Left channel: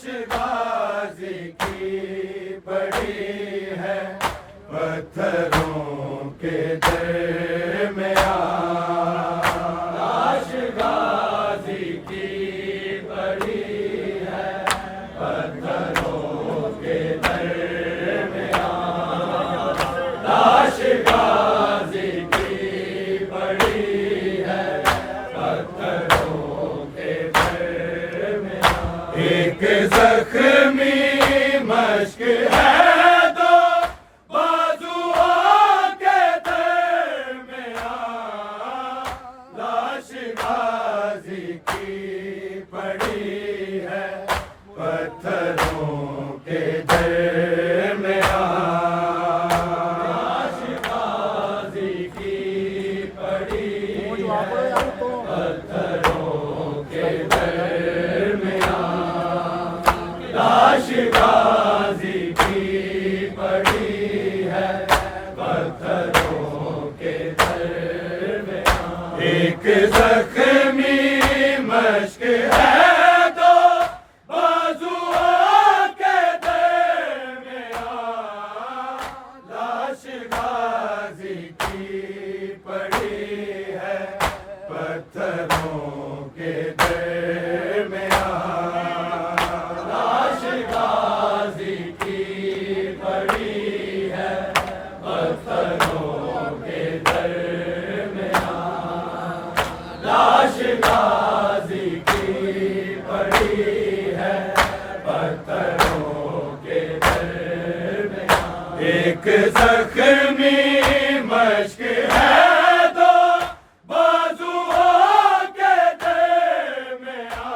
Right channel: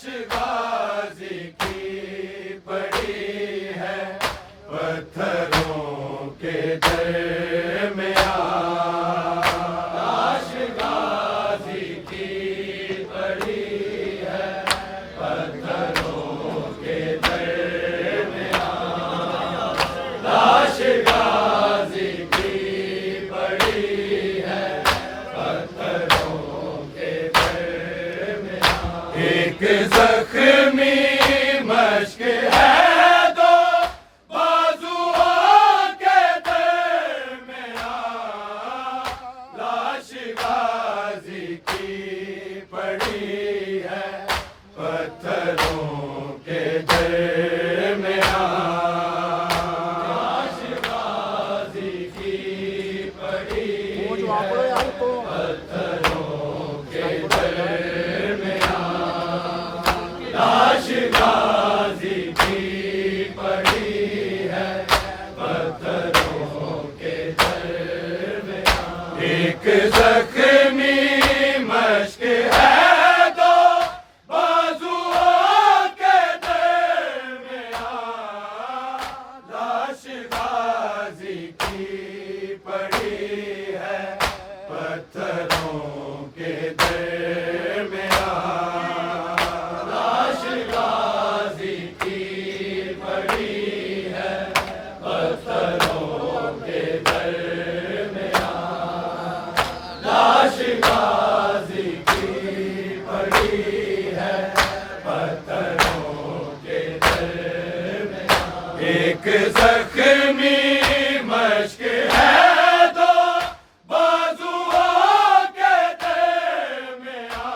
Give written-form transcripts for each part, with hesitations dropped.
लाश गाजी की पड़ी है पत्थरों के दरमियान। लाश गाजी की पड़ी है पत्थरों के दरमियान। लाश गाजी की पड़ी है पत्थरों के दरमियान। एक जख्मी मश्क है तो बाजुओं के दरमियान। लाश गाजी की पड़ी है पत्थरों के दरमियान। लाश गाजी की पड़ी है पत्थरों के दरमियान। लाश गाजी की पड़ी है पत्थरों के दरमियान। एक जख्मी मश्क है तो बाजुओं के दरमियान। लाश गाजी की पड़ी है पत्थरों के दरमियान। लाश गाजी की पड़ी है पत्थरों के दरमियान। लाश गाजी की पड़ी है पत्थरों के दरमियान। एक जख्मी मश्क है तो बाजुओं के दरमियान।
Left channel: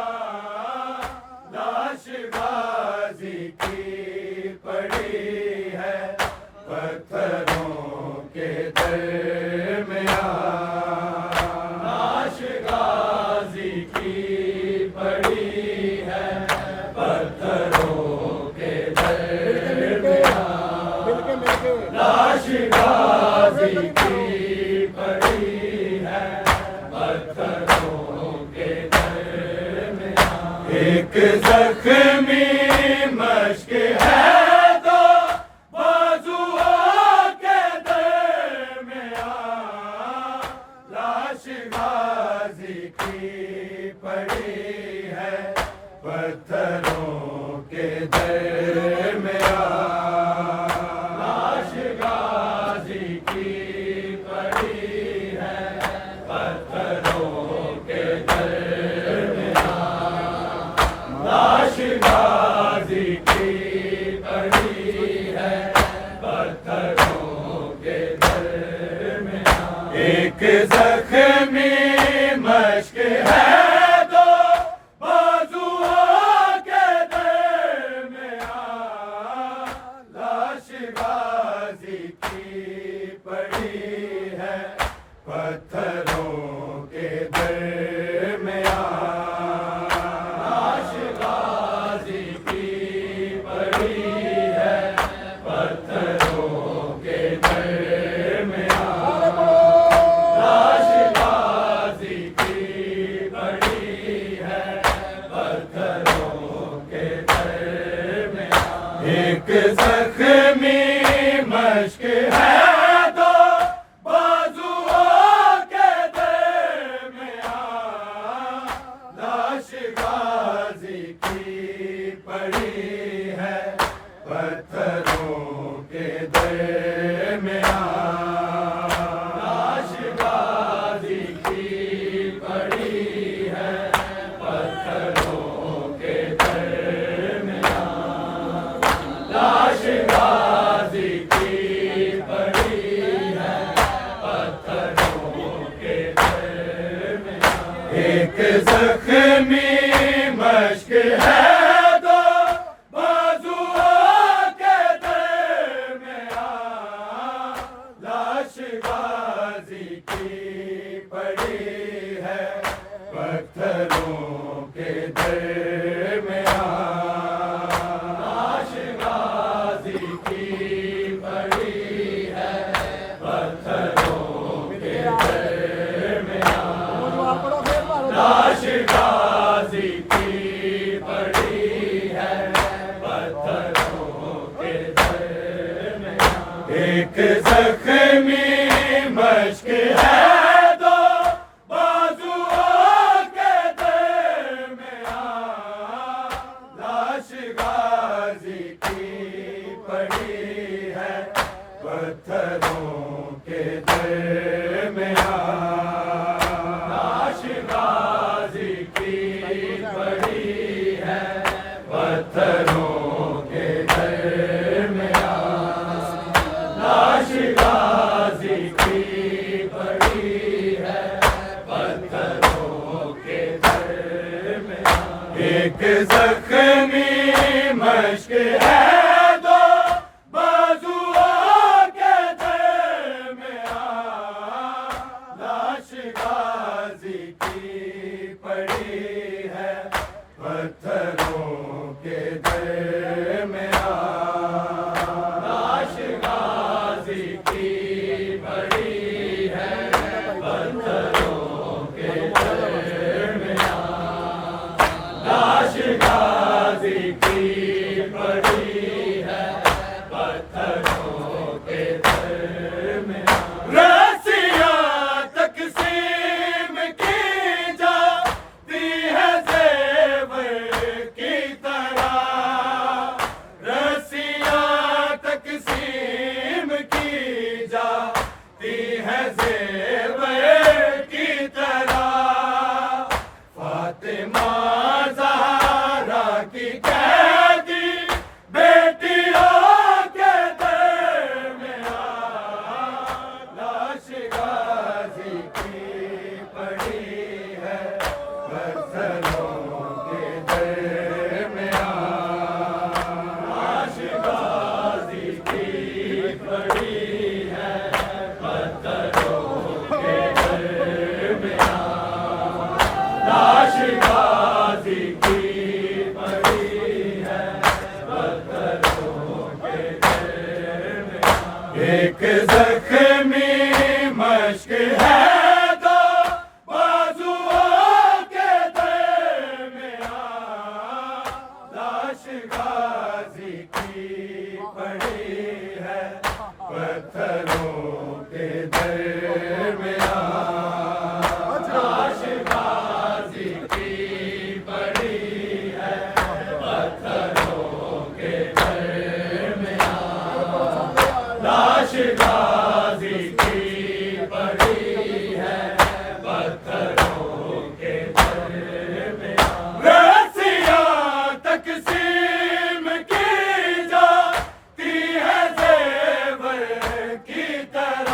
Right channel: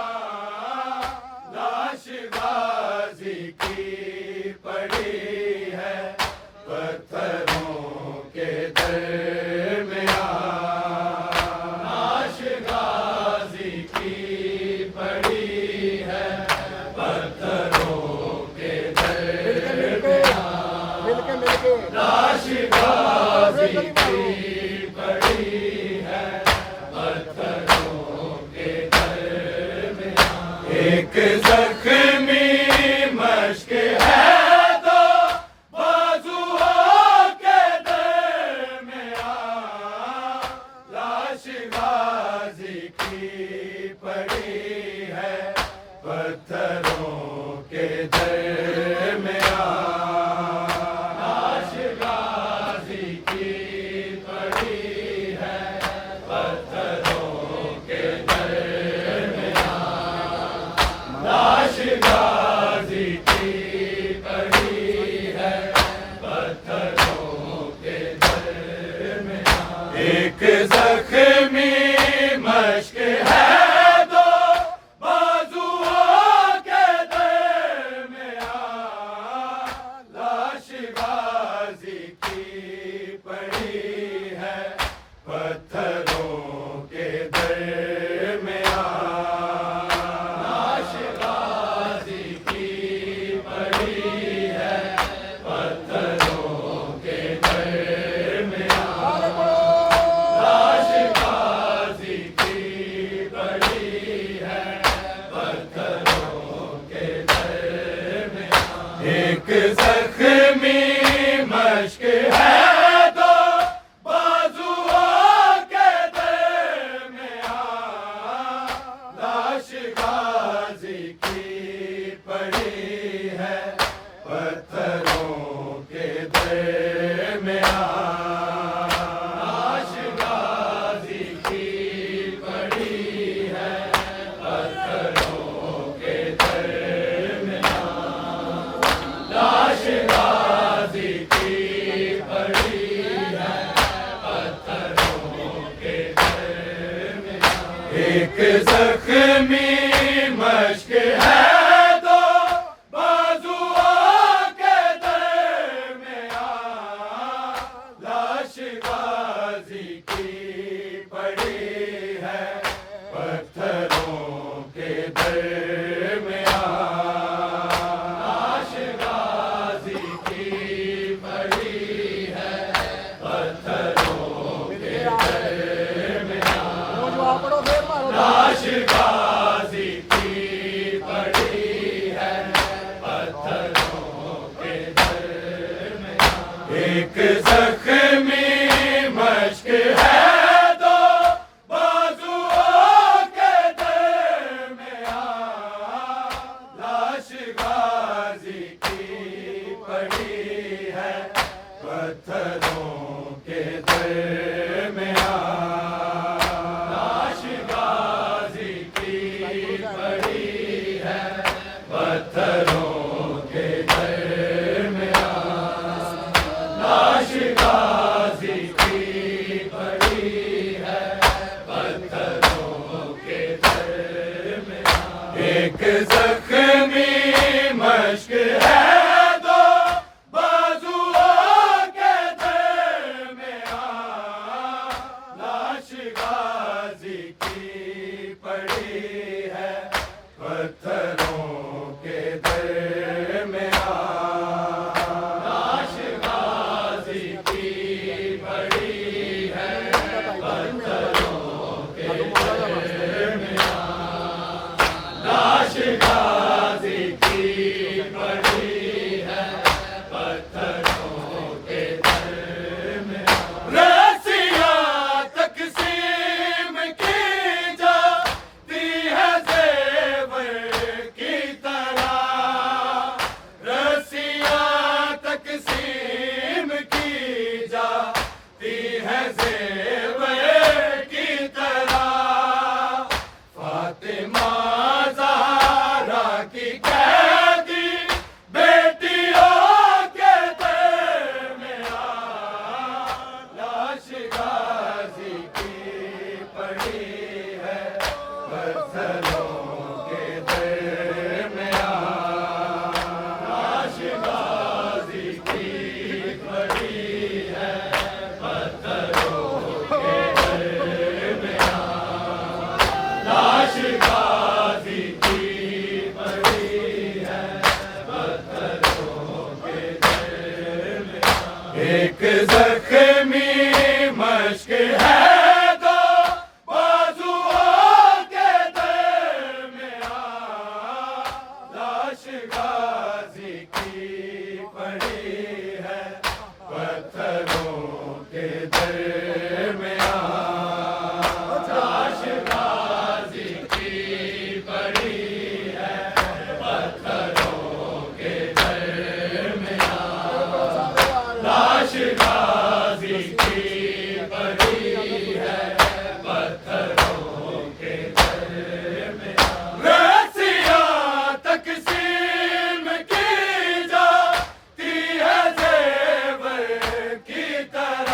लाश गाजी की पड़ी है पत्थरों के दरमियान। लाश गाजी की पड़ी है पत्थरों के दरमियान। लाश गाजी की पड़ी है पत्थरों के दरमियान। एक जख्मी मश्क है तो बाजुओं के दरमियान। लाश गाजी की पड़ी है पत्थरों के दरमियान। लाश गाजी की पड़ी है पत्थरों के दरमियान। लाश गाजी की पड़ी है पत्थरों के दरमियान। एक जख्मी मश्क है तो बाजुओं के दरमियान। लाश गाजी की पड़ी है पत्थरों के दरमियान। लाश गाजी की पड़ी है पत्थरों के दरमियान। लाश गाजी की पड़ी है पत्थरों के दरमियान। एक जख्मी मश्क है तो बाजुओं के दरमियान। लाश गाजी की पड़ी है पत्थरों के दरमियान। लाश गाजी की पड़ी है पत्थरों के दरमियान। लाश गाजी की पड़ी है पत्थरों के दरमियान। एक जख्मी मश्क है तो बाजुओं के दरमियान। लाश गाजी की पड़ी है पत्थरों के दरमियान। लाश गाजी की पड़ी है पत्थरों के दरमियान। लाश गाजी की पड़ी एक जख्मी मश्क है दो बाजुओं के दरमियां, लाश गाजी की पड़ी है पत्थरों के दरमियां, लाश गाजी की पड़ी है पत्थरों के दरमियां, लाश गाजी की पड़ी है पत्थरों के दरमियां। एक जख्मी मश्क है दो बाजुओं के दरमियां, लाश गाजी की पड़ी है पत्थरों के दरमियां, लाश गाजी की पड़ी है पत्थरों के दरमियां, लाश गाजी की पड़ी है पत्थरों के दरमियां। रस्सियां तकसीम की जाती है ज़ेवर की तरह, रस्सियां तकसीम की जाती है ज़ेवर की तरह, फातिमा ज़हरा की कैदी बेटियों के दरमियां, लाश गाजी की पड़ी है पत्थरों के दरमियां, लाश गाजी की पड़ी है पत्थरों के दरमियां, लाश गाजी की पड़ी है पत्थरों के दरमियां। एक जख्मी मश्क है दो बाजुओं के दरमियां, लाश गाजी की पड़ी है पत्थरों के दरमियां, लाश गाजी की पड़ी है पत्थरों के दरमियां, लाश गाजी की पड़ी है पत्थरों के दरमियां। रस्सियां तकसीम की जाती है ज़ेवर की तरह,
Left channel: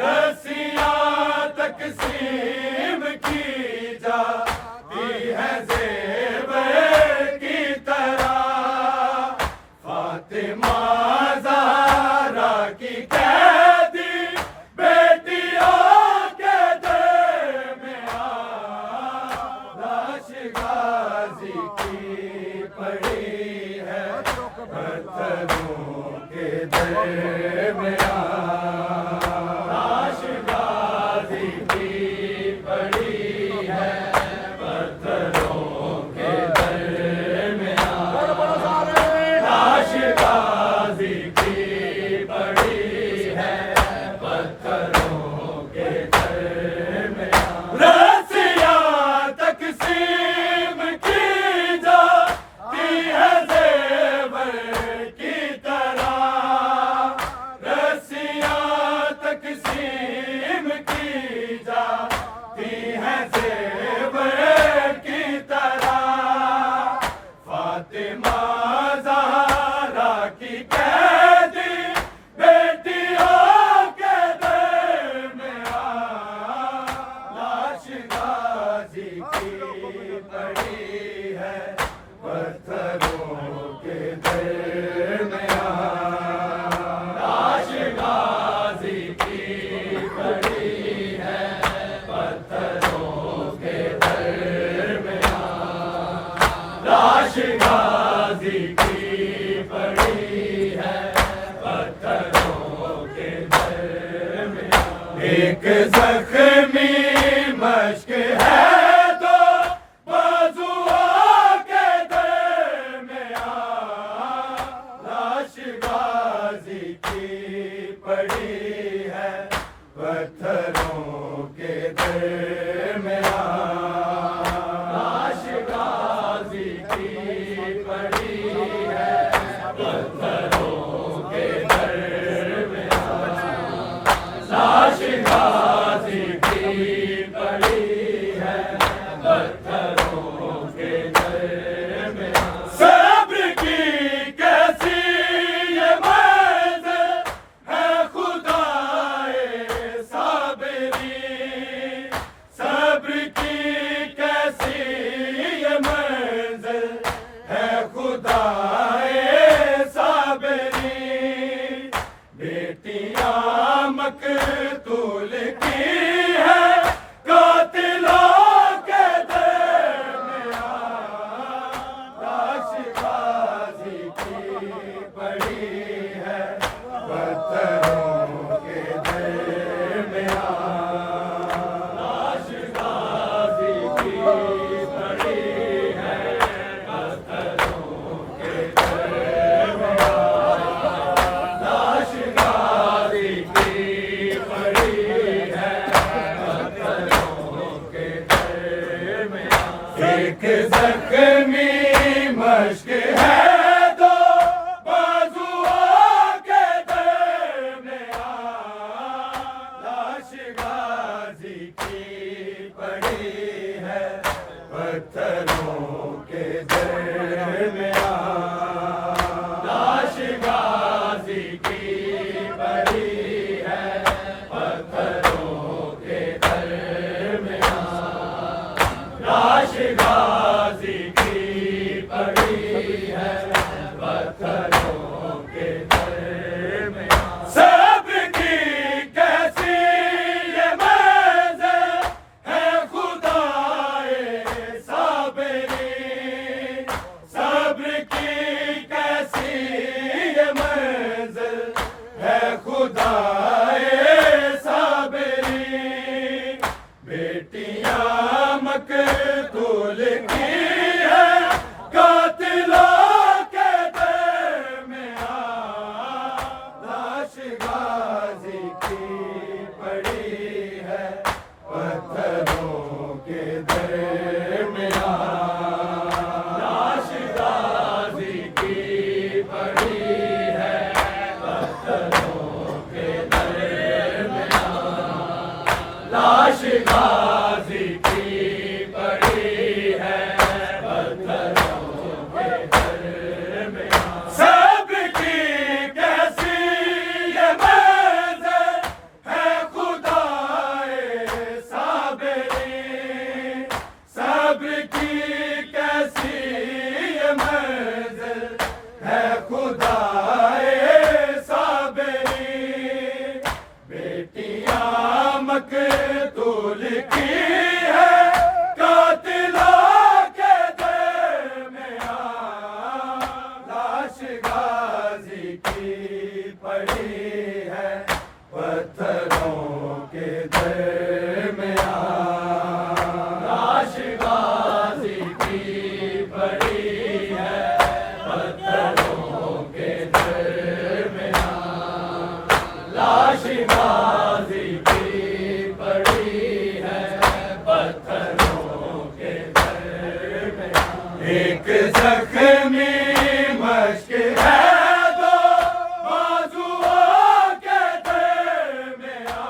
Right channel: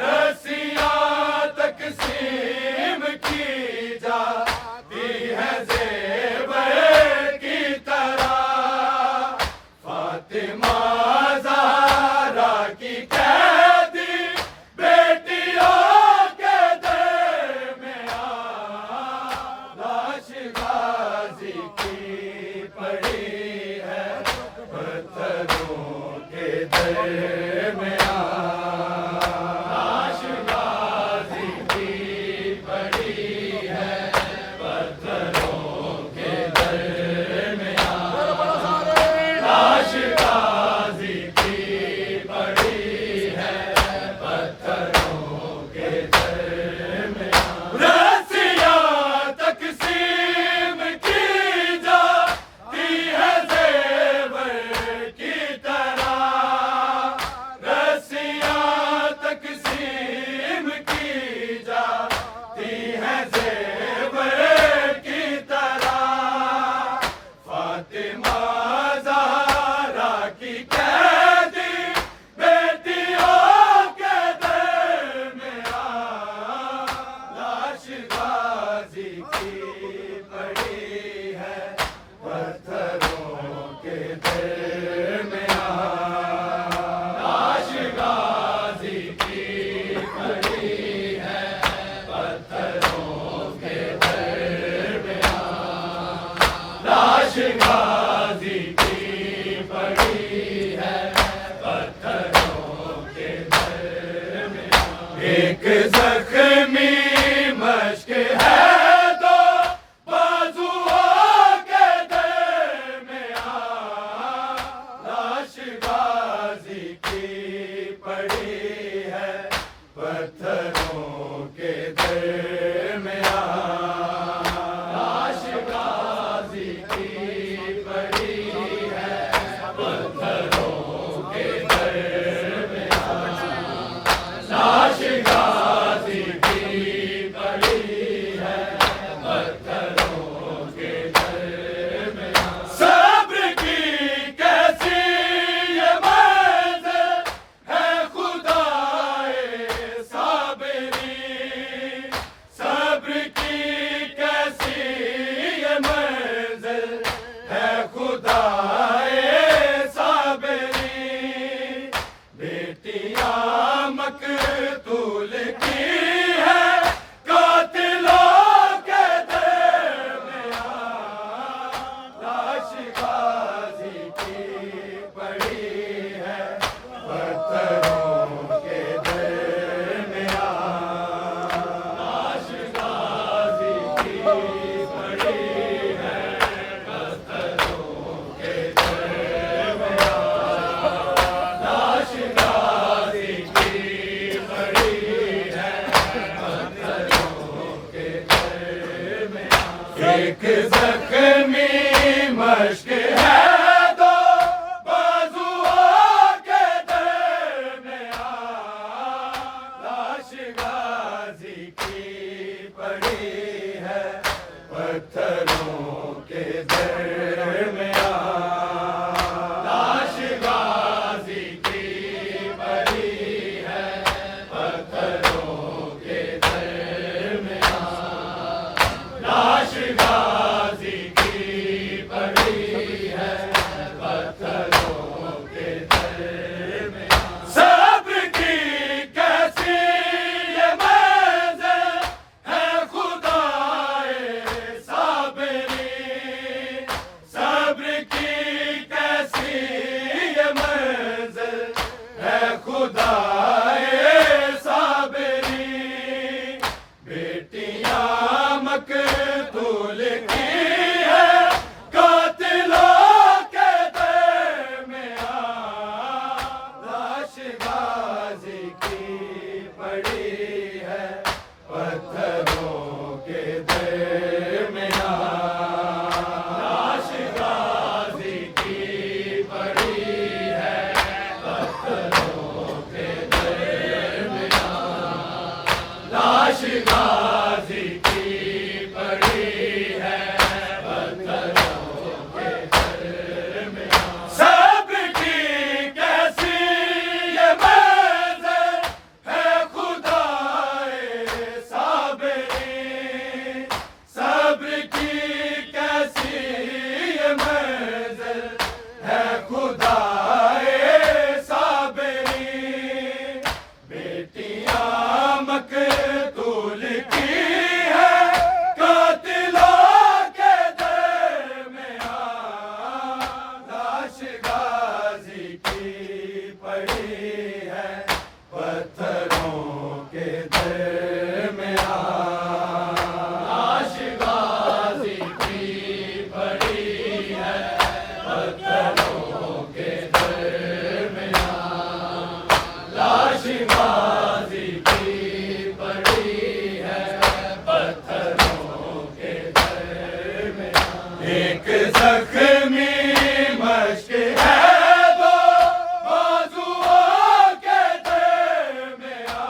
रस्सियां तकसीम की जाती है ज़ेवर की तरह, फातिमा ज़हरा की कैदी बेटियों के दरमियां, लाश गाजी की पड़ी है पत्थरों के दरमियां, लाश गाजी की पड़ी है पत्थरों के दरमियां, लाश गाजी की पड़ी है पत्थरों के दरमियां। रस्सियां तकसीम की जाती है ज़ेवर की तरह, रस्सियां तकसीम की जाती है ज़ेवर की तरह, फातिमा ज़हरा की कैदी बेटियों के दरमियां, लाश गाजी की पड़ी है पत्थरों के दरमियां, लाश गाजी की पड़ी है पत्थरों के दरमियां, लाश गाजी की पड़ी है पत्थरों के दरमियां। एक जख्मी मश्क है दो बाजुओं के दरमियां, लाश गाजी की पड़ी है, पत्थरों के घर में लाश गाजी की पड़ी है, पत्थरों के घर में। सब्र की कैसी ये मंज़िल है खुदाए साबरी, सब्र की कैसी ये मंज़िल है खुदाए साबरी। बेटियां मकतूल की है कातिलों के दरमियां, लाश गाजी की पड़ी है, पत्थरों के दरमियां, लाश गाजी की पड़ी है, पत्थरों के दरमियां, लाश गाजी की पड़ी है, पत्थरों के दरमियां। एक जख्मी मश्क है दो बाजुओं के दरमियां, लाश गाजी की पड़ी है, पत्थरों के दरमियां, लाश गाजी की पड़ी है, पत्थरों के दरमियां, लाश गाजी की पड़ी है, पत्थरों के दरमियां। सब्र की कैसी ये मंज़िल है खुदाए साबरी, सब्र की कैसी ये मंज़िल है खुदाए साबरी। बेटियां मकतूल की है कातिलों के दरमियां, लाश गाजी की पड़ी है, पत्थरों के दरमियां, लाश गाजी की पड़ी है, पत्थरों के दरमियां, लाश गाजी की पड़ी है, पत्थरों के दरमियां। सब्र की कैसी ये मंज़िल है खुदाए साबरी, सब्र की कैसी ये मंज़िल है खुदाए साबरी। बेटियां मकतूल की है कातिलों के दरमियां, लाश गाजी की पड़ी है, पत्थरों के दरमियां, लाश गाजी की पड़ी है, पत्थरों के दरमियां, लाश गाजी की पड़ी है, पत्थरों के दरमियां। एक जख्मी मश्क है दो बाजुओं के दरमियां,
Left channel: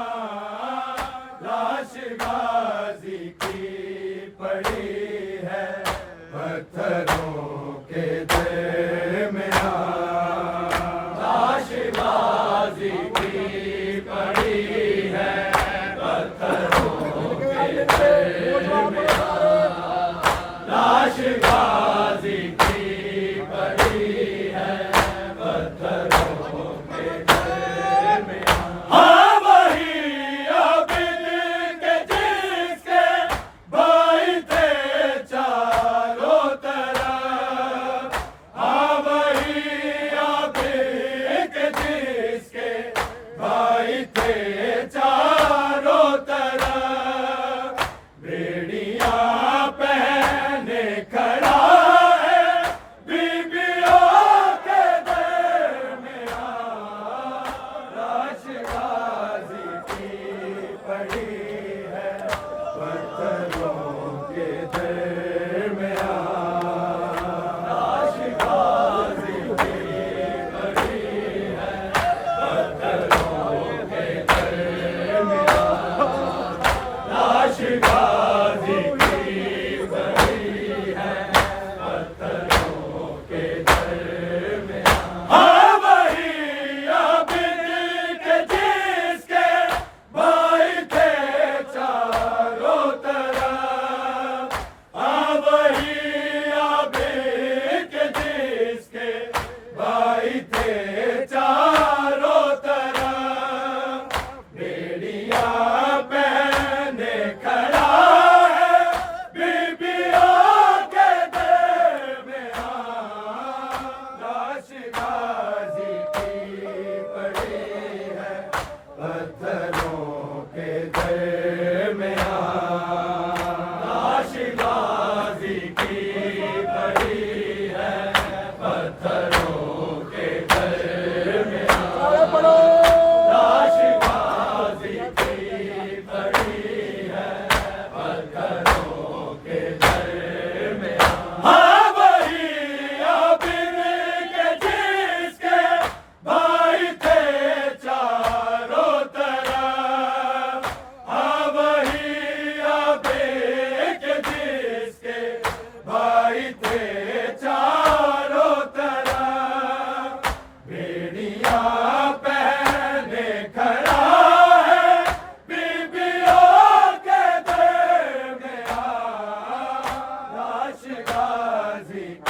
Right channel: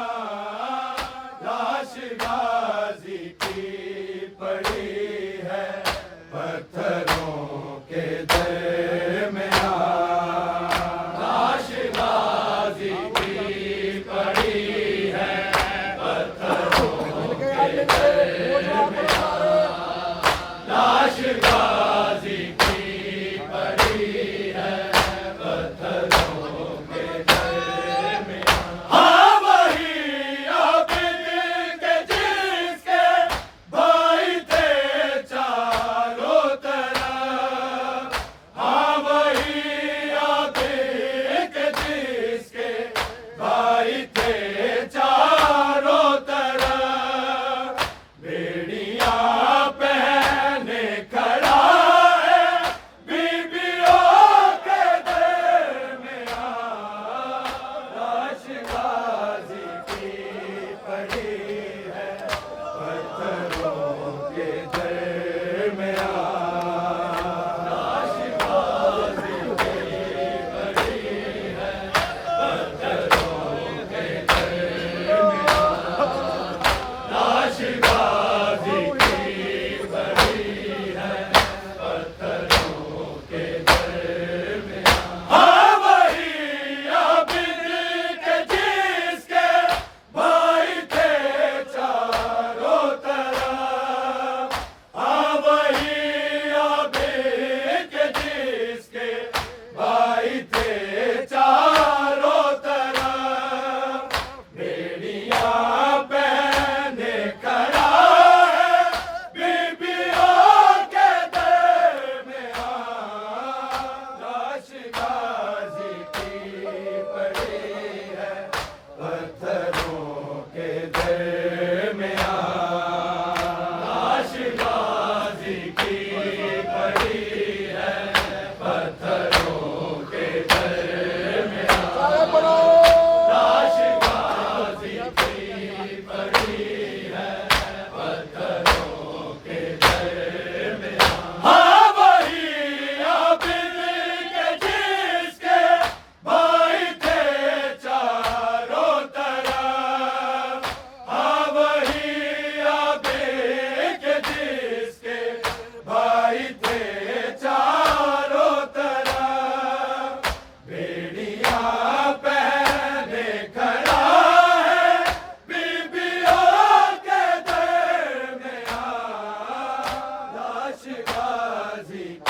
लाश गाजी की पड़ी है, पत्थरों के दरमियां, लाश गाजी की पड़ी है, पत्थरों के दरमियां, लाश गाजी की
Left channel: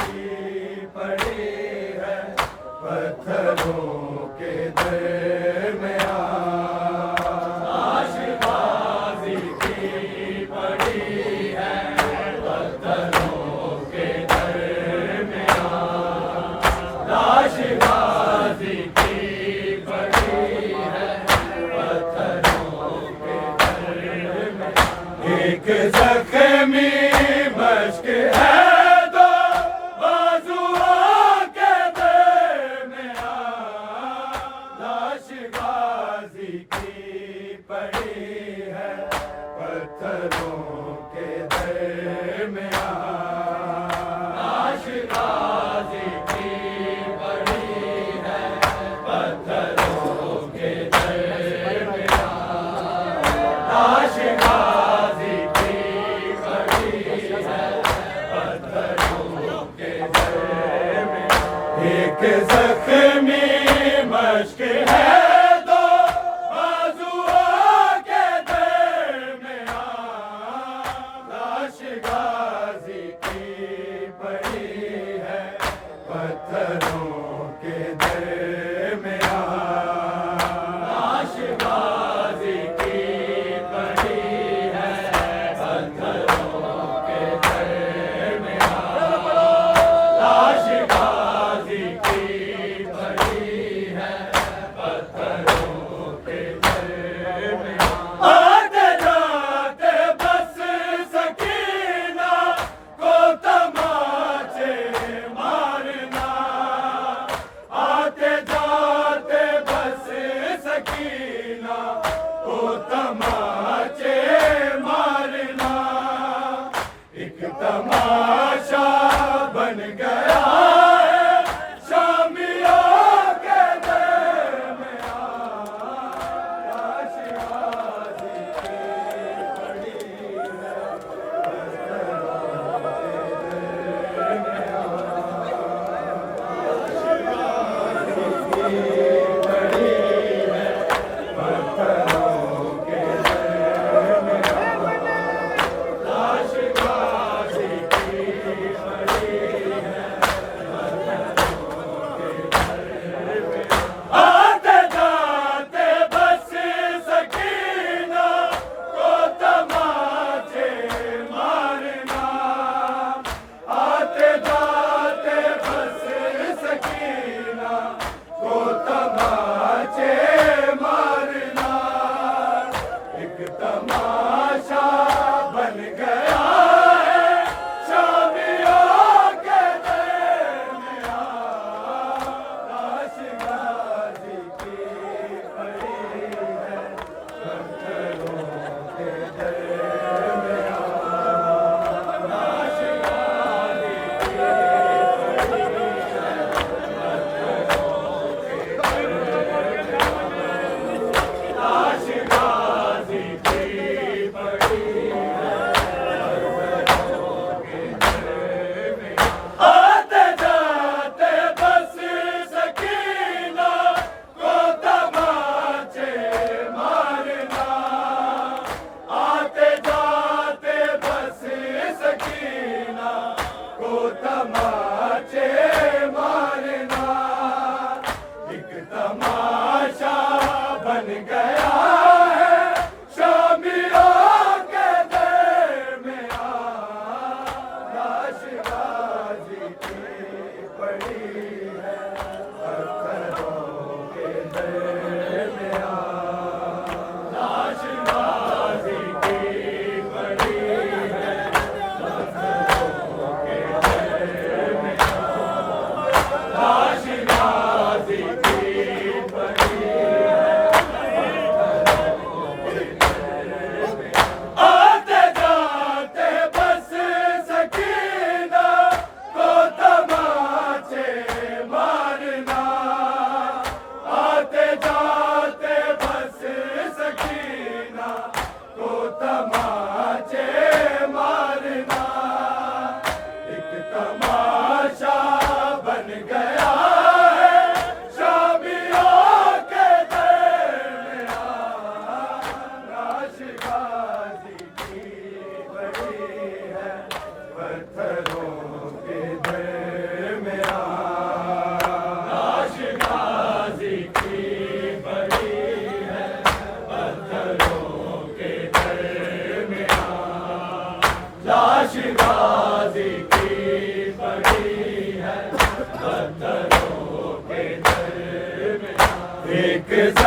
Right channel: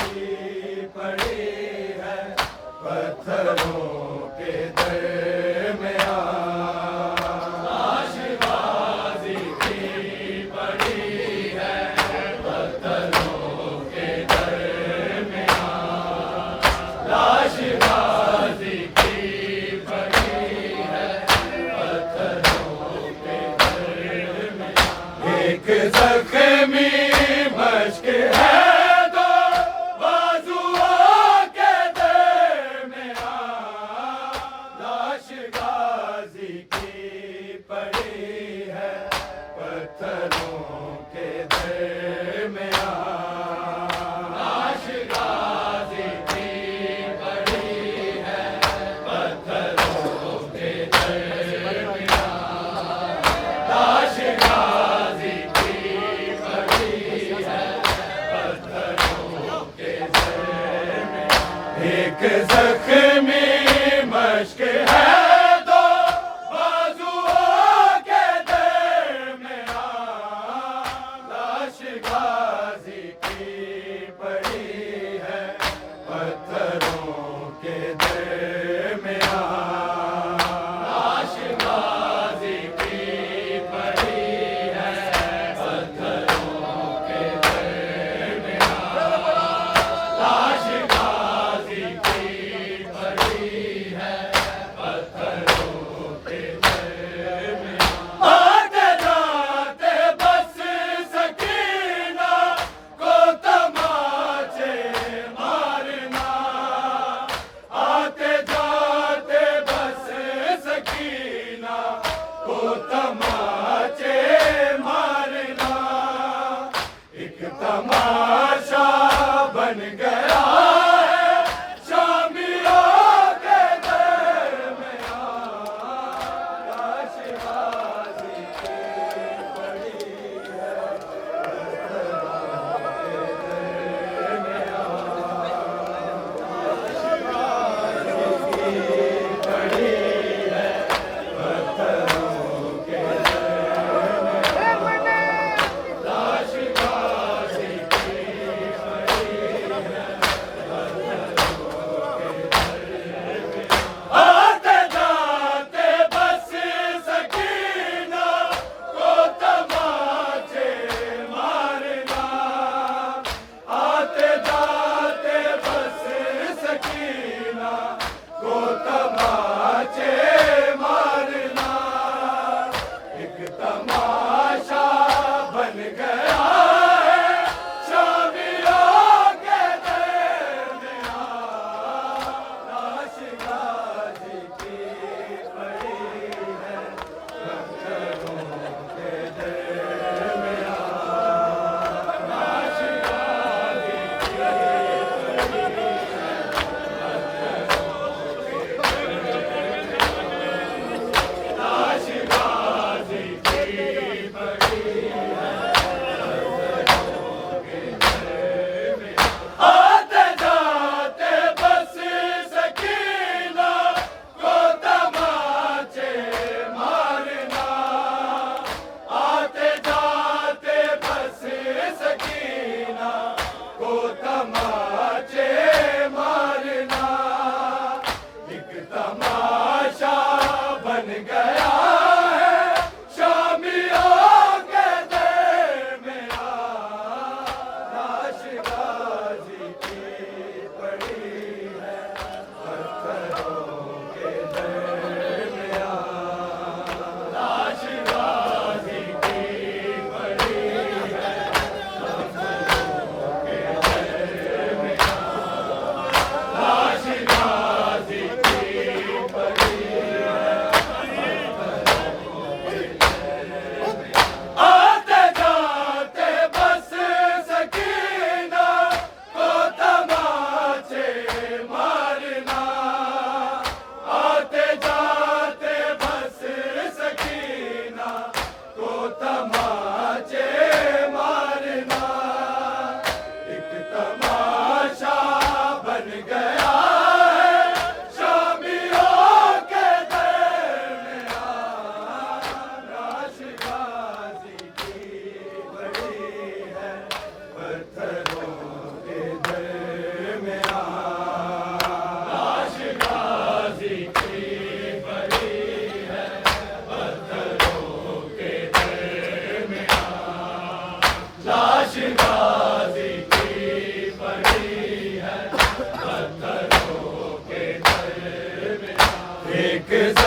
पड़ी है पत्थरों के दरमियान, लाशबाजी की पड़ी है पत्थरों के दरमियान, लाशबाजी की पड़ी है पत्थरों के दरमियान। एक जख्मी मश्क है पड़ी है पत्थरों के दरमियान, लाशबाजी की पड़ी है पत्थरों के दरमियान, लाशबाजी की पड़ी है पत्थरों के दरमियान। एक जख्मी मश्क है पत्थरों के दरमियान, लाशबाजी की पड़ी है पत्थरों के दरमियान, लाशबाजी की पड़ी है पत्थरों के दरमियान। आते जाते बस सकीना को तमाचे मारना, आते जाते बस सकीना को तमाचे मारना, एक तमाशा बन गया है शामियों के दरमियान, लाशबाजी की पड़ी है पत्थरों के तमाशा बन गया है शामियों के दरमियान, लाशबाजी की पड़ी है पत्थरों के दरमियान, लाशबाजी की पड़ी है पत्थरों के दरमियान, लाशबाजी आते जाते बस सकीना को तमाचे मारना, आते जाते बस सकीना को तमाचे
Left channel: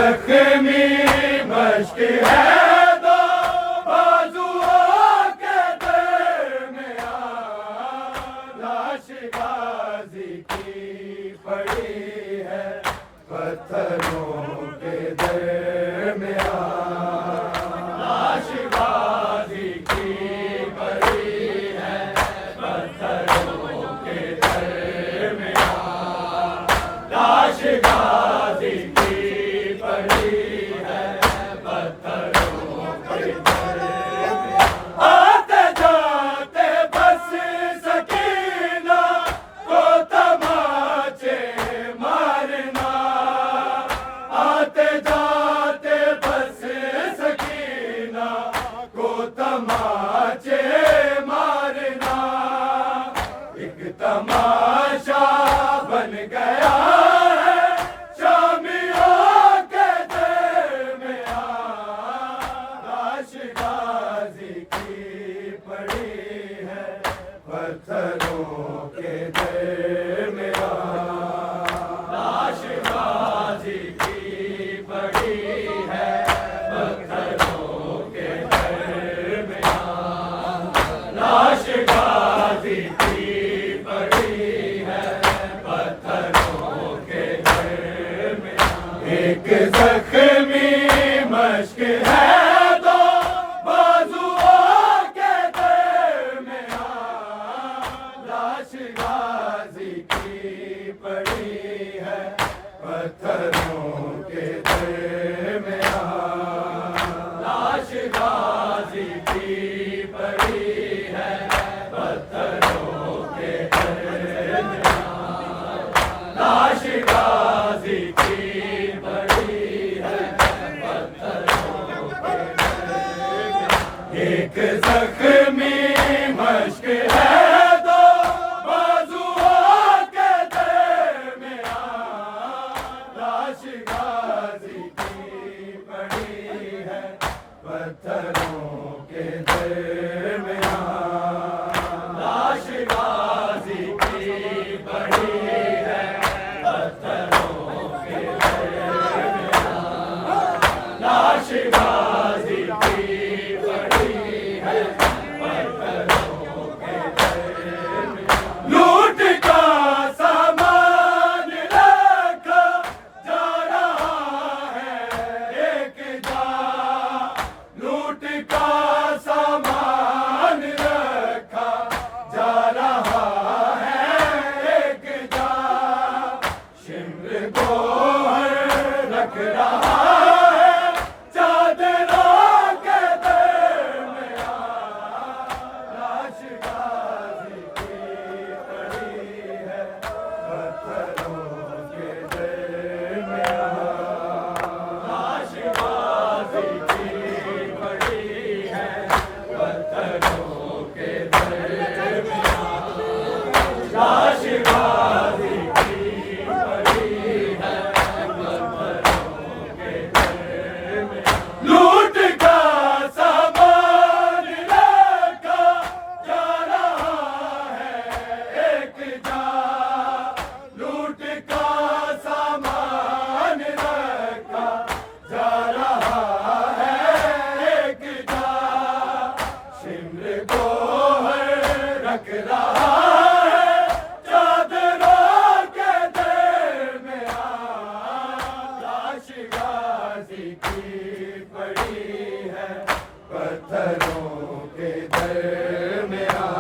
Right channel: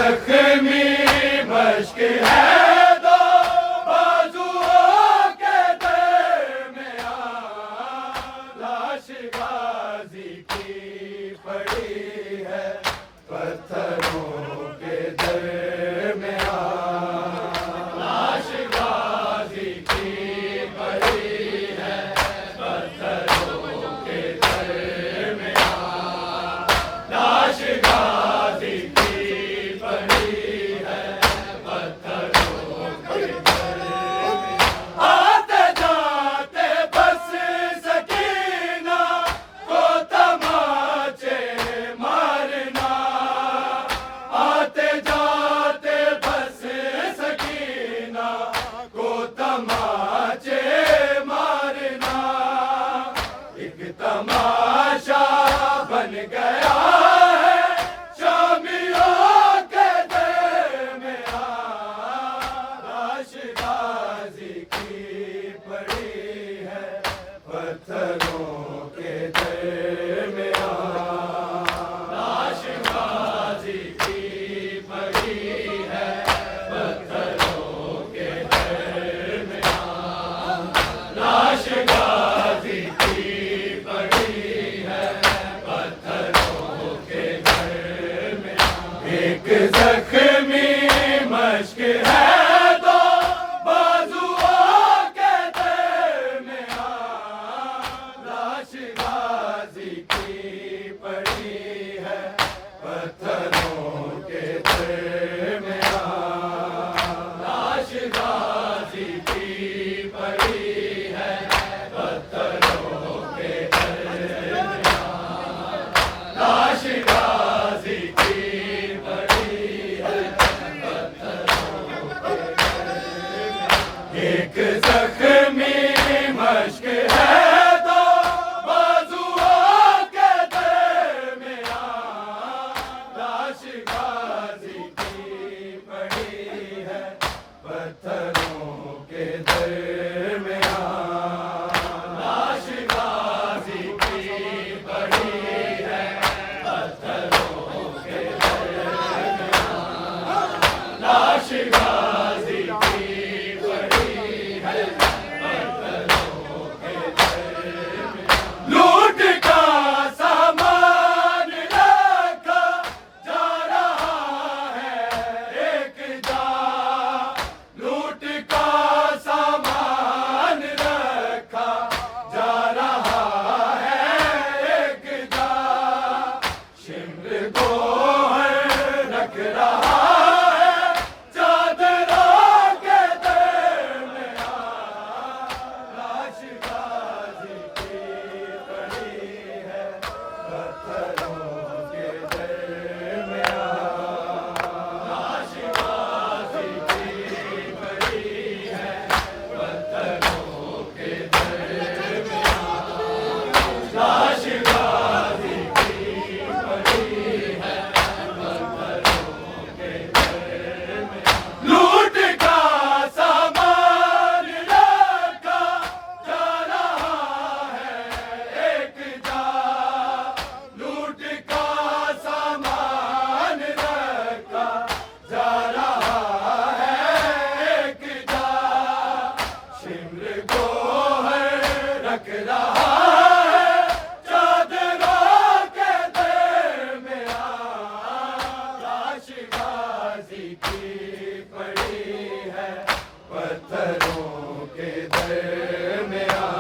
जख्मी मश्क है दो बाजुओं के दरमियां, लाश गाजी की पड़ी है पत्थरों के दरमियां, लाश गाजी की पड़ी है पत्थरों के दरमियां, लाश गाजी की पड़ी है पत्थरों के दरमियां। आते जाते बस सकीना को तमाचे मारना, आते जाते बस सकीना को तमाचे मारना, एक तमाशा बन गया है शामियों के दरमियां, लाश गाजी की पड़ी है पत्थरों के दरमियां, लाश गाजी की पड़ी है पत्थरों के दरमियां, लाश गाजी की पड़ी है पत्थरों के दरमियां। एक जख्मी मश्क है दो बाजुओं के दरमियां, लाश गाजी की पड़ी है पत्थरों के दरमियां, लाश गाजी की पड़ी है पत्थरों के दरमियां, लाश गाजी की पड़ी है पत्थरों के दरमियां। एक जख्मी मश्क है दो बाजुओं के दरमियां, लाश गाजी की पड़ी है पत्थरों के दरमियां, लाश गाजी की पड़ी है पत्थरों के दरमियां, लाश गाजी की पड़ी है पत्थरों के दरमियां। लूट का सामान रखा जा रहा है एक जा, लूट का सामान रखा जा रहा है एक जा, शिमर गोहर रख रहा है चादरों के दरमियां, लाश गाजी की पड़ी है पत्थरों के दरमियां, लाश गाजी की पड़ी है पत्थरों के दरमियां, लाश गाजी की पड़ी है पत्थरों के दरमियां। लूट का सामान रखा जा रहा है एक जा, लूट का सामान रखा जा रहा है एक जा, शिमर गोहर रख रहा है चादरों के दरमियां, लाश गाजी की पड़ी है पत्थरों के दरमियां,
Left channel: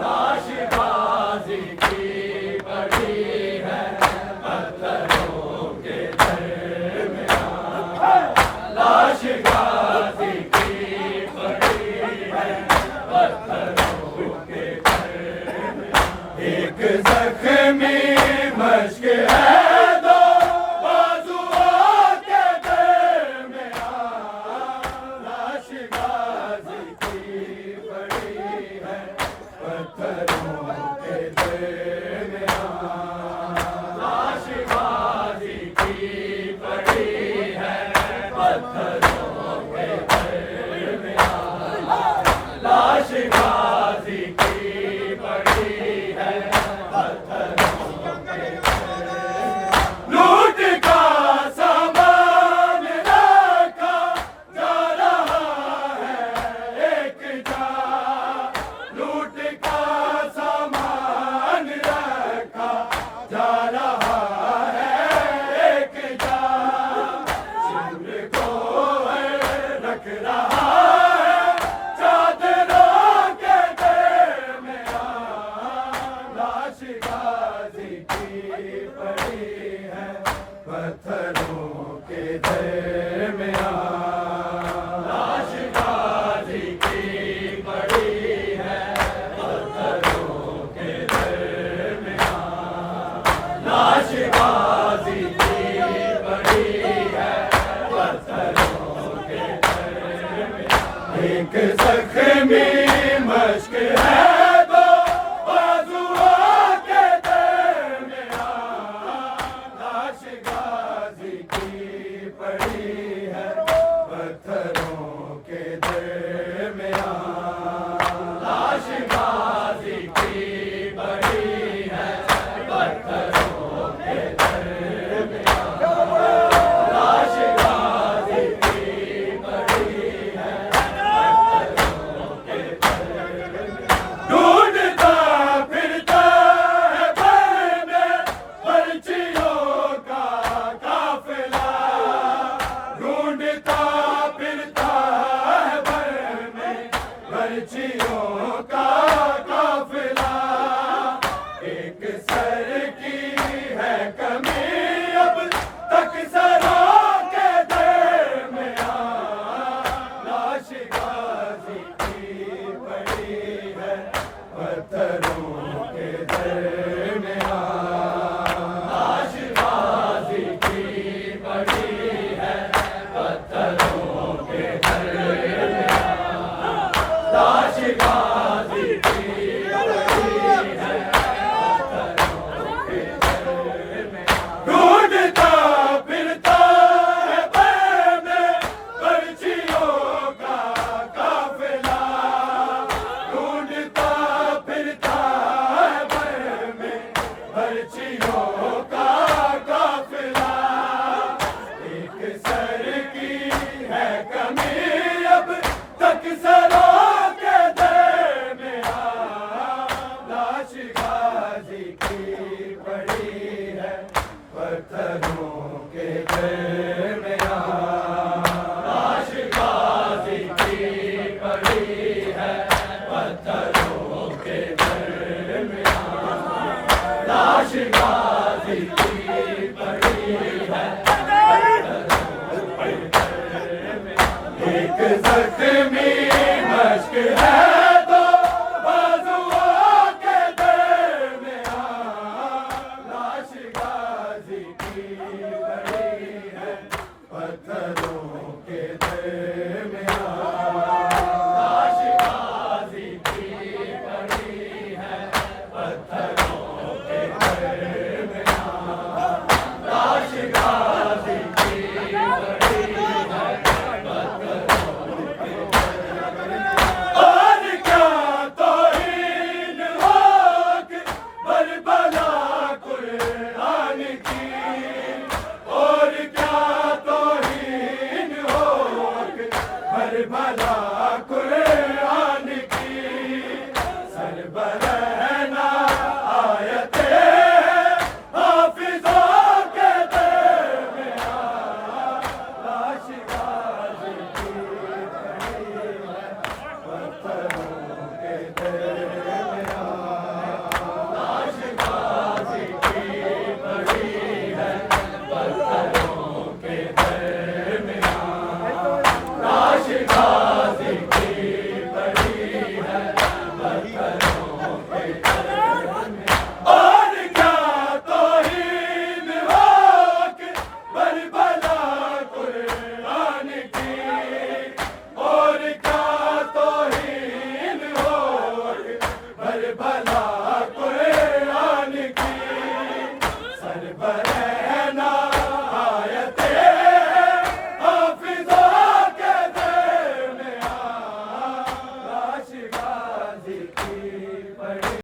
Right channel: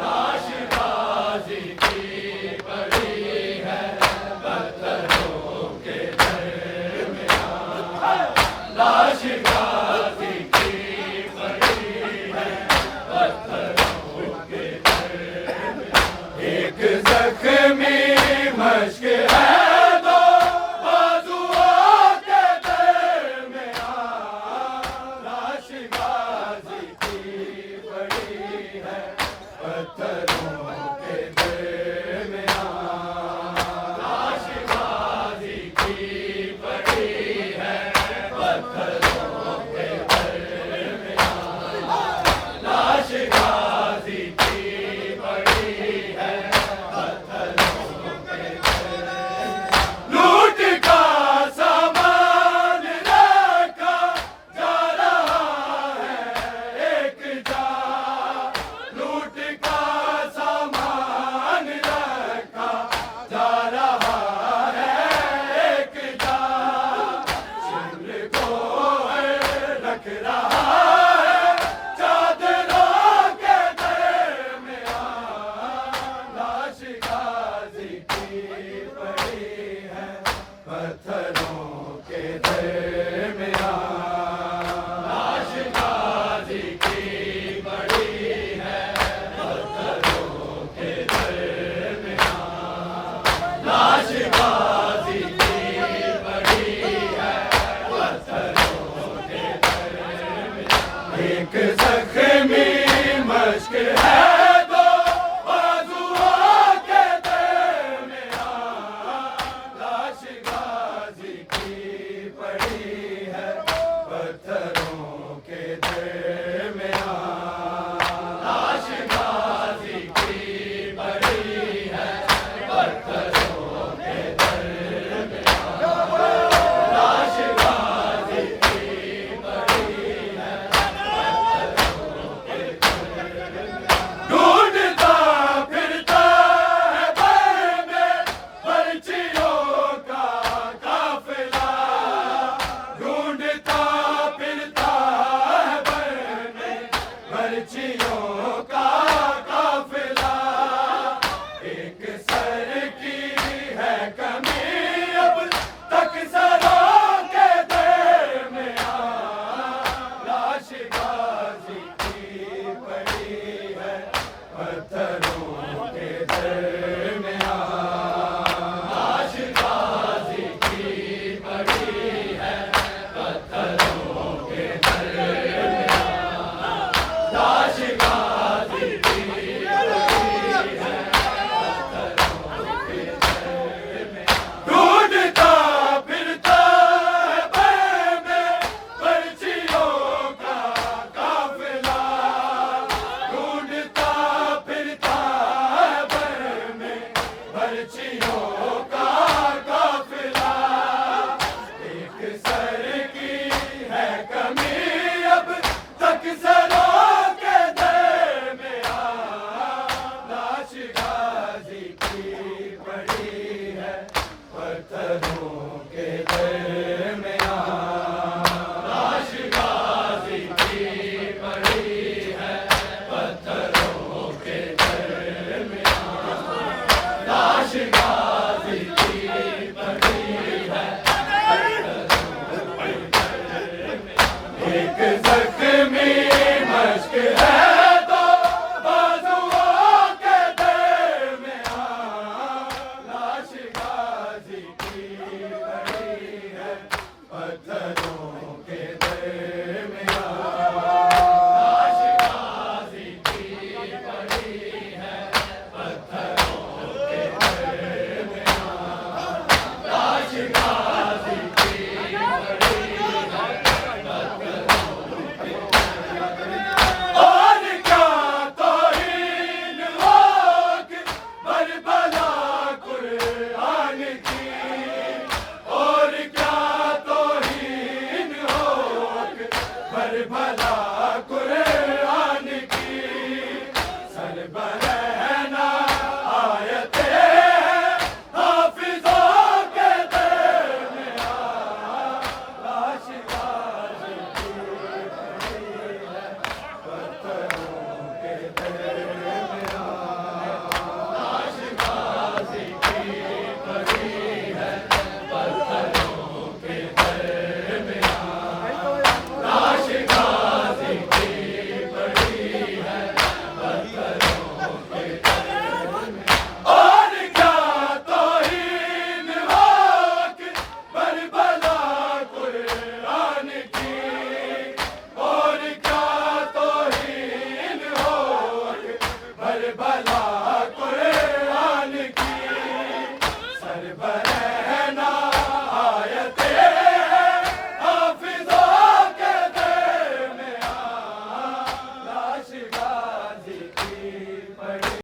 लाश गाजी की पड़ी है पत्थरों के दरमियां, लाश गाजी की पड़ी है पत्थरों के दरमियां। एक जख्मी मश्क है दो बाजुओं के दरमियां, लाश गाजी की पड़ी है पत्थरों के दरमियां, लाश गाजी की पड़ी है पत्थरों के दरमियां, लाश गाजी की पड़ी है गाजी की पड़ी है पत्थरों के दरमियान। लाश गाजी की पड़ी है पत्थरों के दरमियान। लाश गाजी की पड़ी है पत्थरों के दरमियान। एक जख्मी मश्क है पर्चियों का काफिला। एक सर की है कमी अब तक सरों के दरमियान। लाश गाजी की पड़ी है पत्थरों के दरमियान। लाश गाजी की पड़ी है पत्थरों के दरमियान। लाश गाजी की पड़ी है पत्थरों के दरमियान। ढूंढता फिरता है भय में पर्चियों का काफिला। ढूंढता फिरता है भय में पर्चियों का काफिला। एक सर की है कमी अब तक सरों के दरमियान। लाश गाजी की पड़ी है पत्थरों के दरमियान। लाश गाजी की पड़ी है पत्थरों के दरमियान। लाश गाजी